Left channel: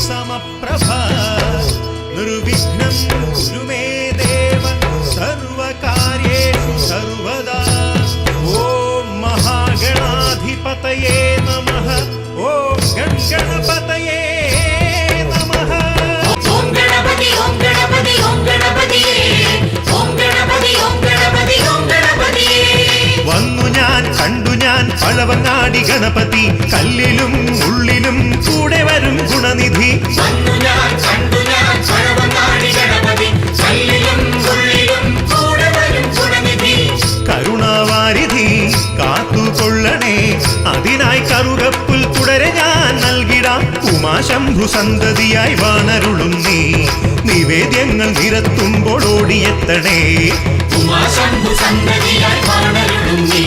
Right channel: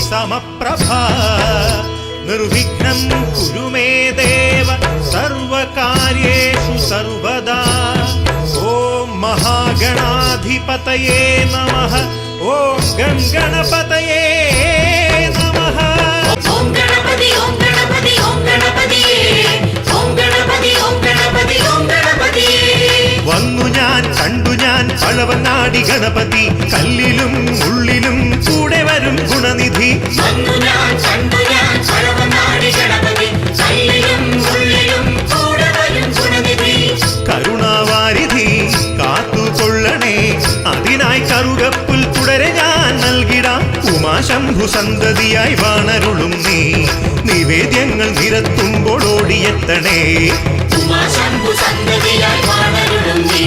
समप्रभा निर्विघ्नं कुरु मे देव सर्वकार्येषु सर्वदा ॐ महागणाधिपतये नमः ॐ गणपतये വന്നു ഞാൻ കണ്ടു ഞാൻ പഴവങ്ങാടി ഗണപതി കല്ലിലും ഉള്ളിലും കൂടെ വരും ഗുണനിധി കരുണാവാരിധി കാത്തുകൊള്ളണേ അതിനായി കറുകപ്പുൽ തുടരെ ഞാൻ നൽകിടാം ഉമാശംഭു സന്തതിയായി വാണരുളും നീ നിവേദ്യങ്ങൾ നിരത്തുമ്പോൾ ഓടിയെത്തണേ ഉമാശംഭു സന്തതിയായി വാണരുളും നീ